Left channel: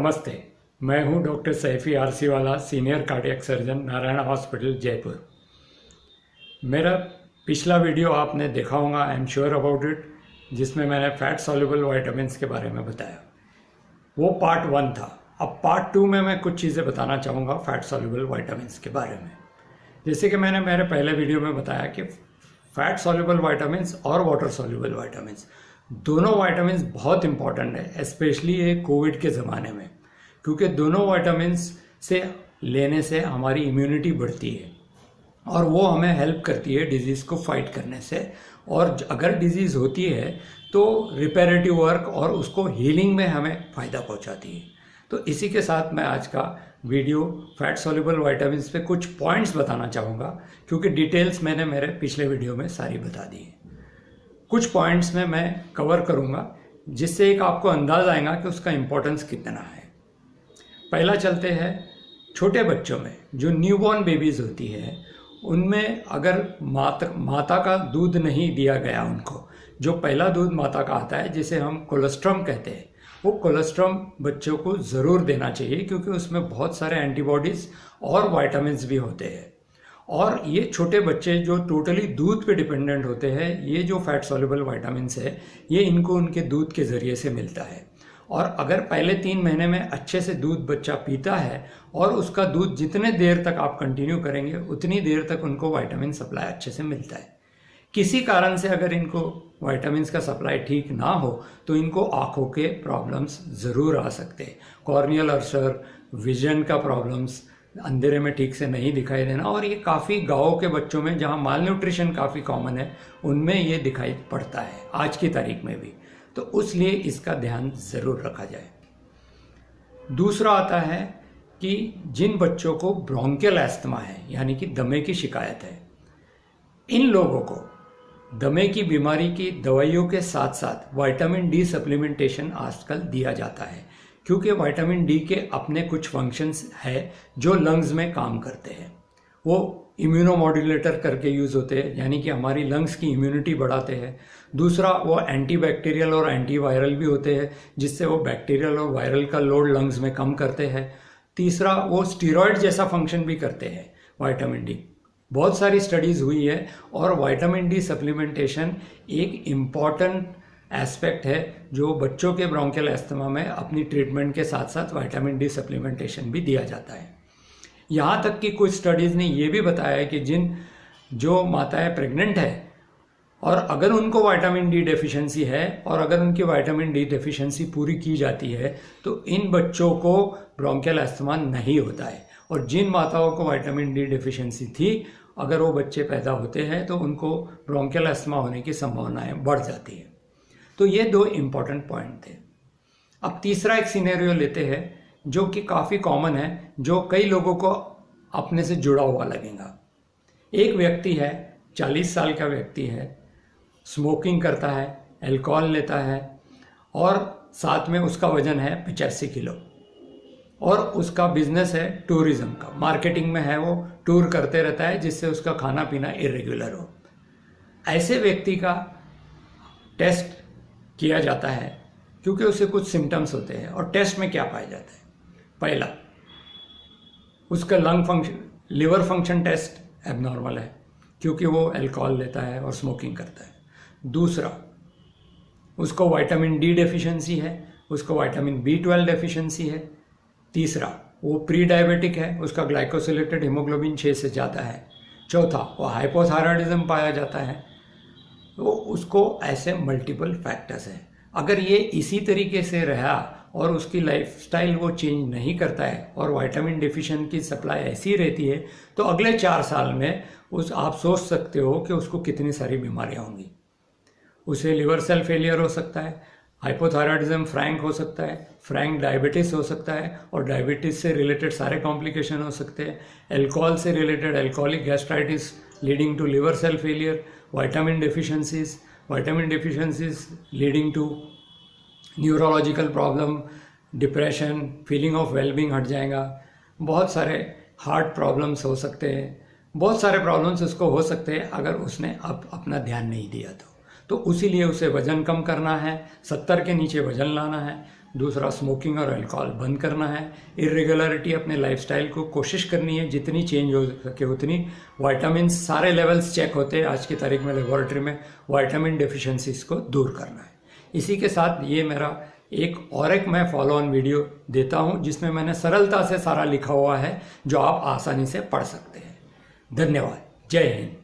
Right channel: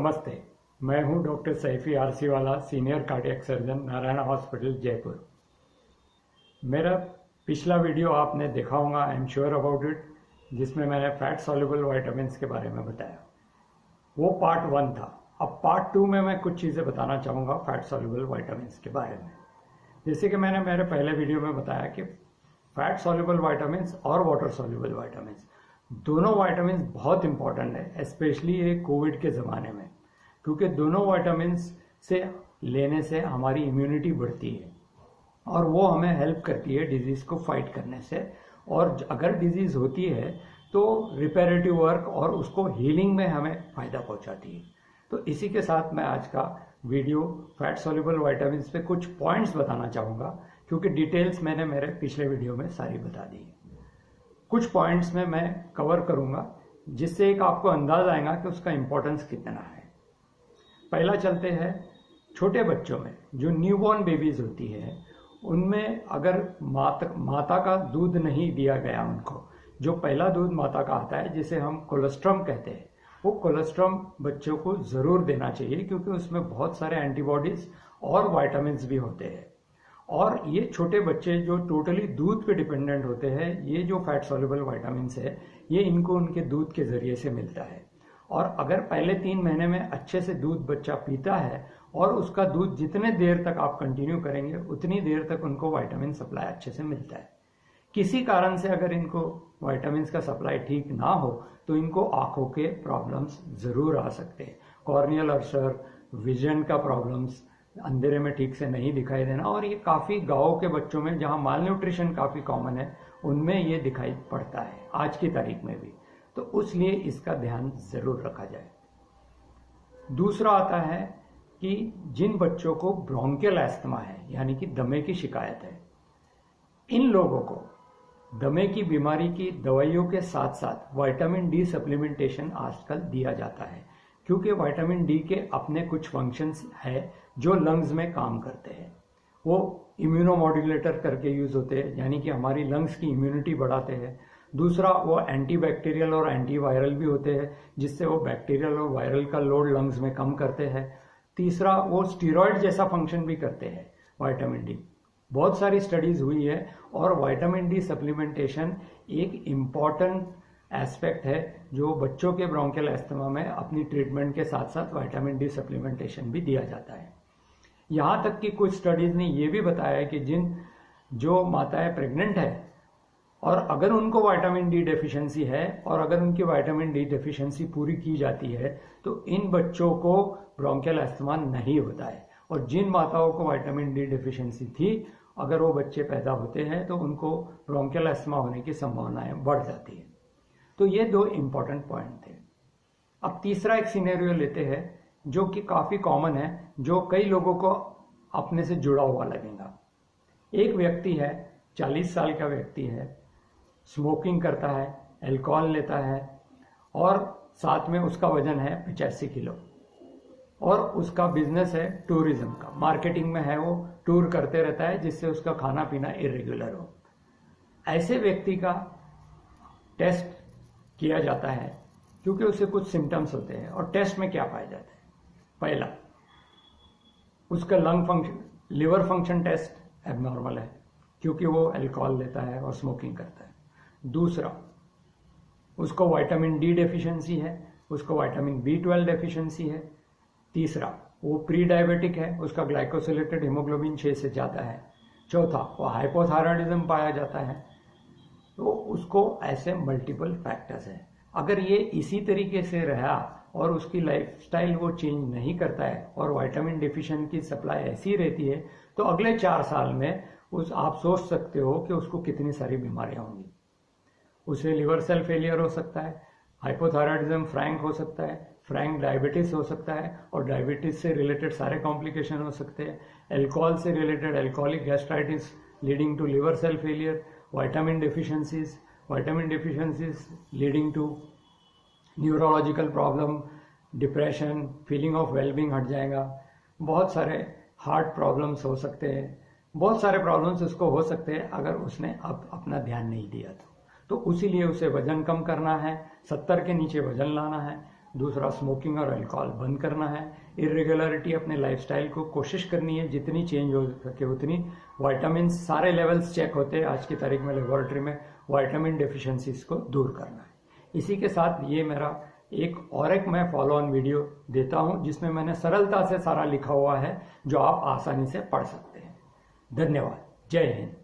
नमस्ते। मैं हूं डॉक्टर सैफी आरसी वाला, senior cardiac surgeon, Narayan hospital Jaipur. मेरा पिछला वीडियो आपने देखा होगा, I am sure about it, जिसमें मैंने फैट सॉल्युबल वाइटामिन्स के बारे में बताया। वो पार्ट 1 था। अब पार्ट 2 में मैं कुछ चीज़ें बताना चाहूँगा फैट सॉल्युबल वाइटामिन्स के बारे में। जैसे कि मैंने मेरे पहले वीडियो में बताया कि फैट सॉल्युबल वाइटामिन्स और वाटर सॉल्युबल वाइटामिन्स दोनों वाइटामिन्स बहुत इंपॉर्टेंट है, स्पेशली ये कोविड के ज़माने में, क्योंकि दोनों वाइटामिन्स से लेने से हमारी इम्यूनिटी बढ़ती है और वो हमें हेल्प करती है डिजीज़ को फाइट करने से। और अगर डिजीज़ होती है तो रिपेरेटिव वर्क और उसको हीलिंग में हमें फ़ायदा पहुंचाती है। तो इसी के साथ मैं आज का वीडियो फैट सॉल्युबल वाइटामिन्स पे कुछ पॉइंट्स बताना चाहूँगा, क्योंकि डिटेल्स मैंने मेरे पिछले वीडियो में सारी बता दी है। कुछ पॉइंट्स में मैं कवर करूँगा जिससे एक आपको अंदाज आएगा कि उसका इम्पोर्टेंस कितना है। पहला चलते हैं छोटे बच्चों में, जो न्यूबॉर्न बेबीज़ होती है, उनमें अगर माता का दूध नहीं दिया गया, उनको जो पहला दूध माता का आता है जिसे हम कोलेस्ट्रॉम कहते हैं, वो कोलेस्ट्रॉम बच्चों को ज़रूर देना चाहिए, क्योंकि उसमें बहुत सारे एंटीबॉडीज़ और वाइटामिन्स भी होते हैं। और ये छोटे बच्चे जो टोटली दूध पे डिपेंडेंट होते हैं, ये जो फैट सॉल्युबल वाइटामिन्स है ये इनको उनके दूध के ज़रिए से मिलता है। और अगर पहले 3 महीने में अच्छे से दूध बच्चा पीता है और उसका दूध जितने देर तक आप कंटिन्यू करेंगे उतनी देर तक उनको वाइटामिन सप्लाई अच्छे से मिलता है। किसी कारण से अगर इनको वाइटामिन्स का सप्लाई ठीक ना हो तो इनको आँखों के प्रॉब्लम्स ज़रूर आ सकते हैं। कॉर्नियल अल्सर, विजन का प्रॉब्लम्स, अंधेरे में ठीक से नहीं दिखाई देना, और ये काफ़ी गाँव के बच्चों में जहाँ माल न्यूट्रिशन काफ़ी कॉमन है उनमें ये दिखाई पड़ता है आज की तारीख में भी। तो उसलिए इसका ध्यान ज़रूर रखा जाए। दूसरा आता है कि जिन बच्चों को ब्रोंकियल अस्थमा है, यानी कि दमे की शिकायत है, इन लोगों को दमे की बीमारी की दवाइयों के साथ साथ विटामिन डी सप्लीमेंटेशन आजकल दिया जाता है, क्योंकि विटामिन डी के अपने कुछ फंक्शंस है जो लंग्स में काम करते हैं। वो इम्यूनोमॉड्यूलेटर करके यूज़ होते हैं, यानी कि हमारी लंग्स की इम्यूनिटी बढ़ाते हैं। दूसरा, वो एंटीबैक्टीरियल और एंटीवायरल भी होते हैं, जिससे वो बैक्टीरियल और वायरल का लोड लंग्स में कम करते हैं। तीसरा, वो स्टीरॉयड जैसा फंक्शन भी करते हैं विटामिन डी। बहुत सारी स्टडीज़ हुई है और विटामिन डी सप्लीमेंटेशन एक इम्पॉर्टेंट एस्पेक्ट है जो बच्चों के ब्रोंकियल अस्थमा में अपनी ट्रीटमेंट के साथ साथ विटामिन डी सप्लीमेंटेशन भी दिया जाता है। यहाँ तक कि कुछ स्टडीज़ ने ये भी बताया है कि जो माताएं प्रेग्नेंट है और अगर उनको विटामिन डी डेफिशिएंसी है और अगर उनकी विटामिन डी डेफिशिएंसी पूरी की जाती है तो इन बच्चों को ब्रोंकियल अस्थमा नहीं होता है। और जिन माताओं को विटामिन डी डेफिशिएंसी थी, अगर वो बच्चे पैदा होते हैं तो उनको ब्रोंकियल अस्थमा होने की संभावनाएं बढ़ जाती है। तो ये 2 इम्पॉर्टेंट पॉइंट थे। अब तीसरा एक सिनेरियो लेते हैं जो कि काफ़ी कॉमन है, जो कई लोगों को अपने से जुड़ा हुआ लगेगा। एक व्यक्ति है, 40 साल का व्यक्ति है, स्मोकिंग करता है, अल्कोहल लेता है और साथ में उसका वजन है 85 किलो, और उसका बिजनेस है टूरिज्म का, मार्केटिंग में है, वो टूर करते रहता है जिससे उसका खाना पीना इरेगुलर हो। ऐसे व्यक्ति का टेस्ट किया जाता है क्योंकि उसे कुछ सिम्टम्स होते हैं, और टेस्ट में क्या पाया जाता है? पहला, उसका लिवर फंक्शन टेस्ट एबनॉर्मल है क्योंकि वो अल्कोहल लेता है और स्मोकिंग करता है। दूसरा, उसको विटामिन डी डेफिशिएंसी है, उसको विटामिन B12 डेफिशिएंसी है। तीसरा, वो प्री डायबिटिक है, उसका ग्लाइकोसिलेटेड हीमोग्लोबिन 6 से ज़्यादा है। चौथा, वो हाइपोथायराइडिज्म पाया जाता है। तो उसको ऐसे मल्टीपल फैक्टर्स हैं। अगर ये इसी तरीके से रहा और उसकी लाइफस्टाइल वो चेंज नहीं करता है और विटामिन डेफिशिएंसी की सप्लाई ऐसी रहती है, तो अगले 4 साल में आप सोच सकते हो कि उसको कितनी सारी बीमारियां होंगी। उसे लिवर सेल फेलियर हो सकता है, हाइपोथायराइडिज्म फ्रैंक हो सकता है, फ्रैंक डायबिटीज़ हो सकता है, और डायबिटीज़ से रिलेटेड सारे कॉम्प्लिकेशन हो सकते हैं। अल्कोहल से related alcoholic gastritis leading to liver cell failure, vitamin deficiencies leading to neurological problem, depression, feeling of wellbeing हट जाएगा। बहुत सारे हार्ट प्रॉब्लम्स हो सकते हैं, बहुत सारे प्रॉब्लम्स उसको हो सकते हैं अगर उसने अपना ध्यान नहीं दिया तो। तो उसीलिए उसे वज़न कम करना है, 70 के नीचे वज़न लाना है। दूसरा स्मोकिंग और अल्कोहल बंद करना है। इरेगुलरिटी अपने लाइफस्टाइल को कोशिश करनी है, जितनी चेंज हो सके उतनी। विटामिन सारे लेवल्स चेक होते हैं आज की तारीख में लेबोरेटरी में, विटामिन डेफिशिएंसीज को दूर करना है। इसी के साथ ये मेरा एक मैं फॉलो ऑन वीडियो देता हूँ जिसमें मैंने सरलता से सारा लिखा हुआ है जो आप आसानी से पढ़ सकते हैं। धन्यवाद। जय हिंद।